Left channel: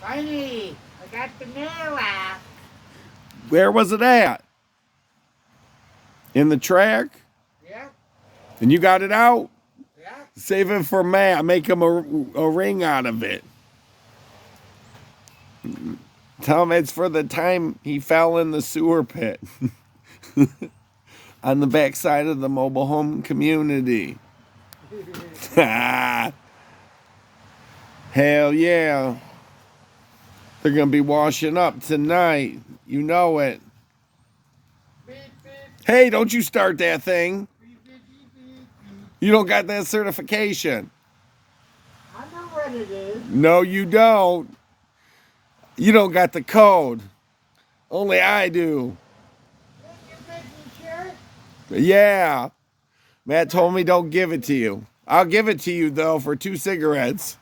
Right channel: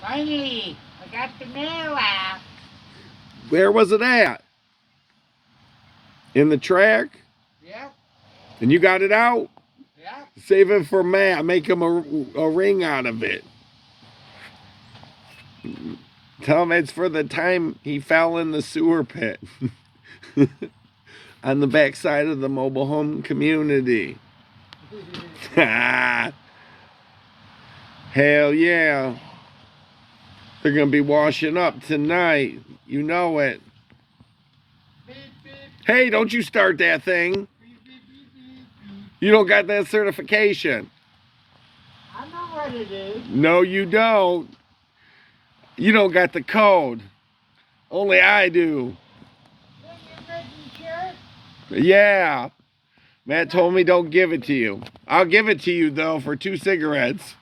Finally, I got the mail out. Where was it at? In the track? Yeah, And you got it out? yeah. Save it for Matt. Make him a ring out of it. Tell him it's for the time he fell in the sewer pit on the backside of the mobile home community. Hell yeah. They're going to be washing up tonight. You know it. Beep, beep, Hey, don't you start that thing. beep, beep, beep, beep, beep. You don't got that certification. I know what it is. No, you don't. You don't got the code. Only I do. You're making sure? Yeah. Matt told me don't give it to you. I'll give it to you, though, for 2 cigarettes.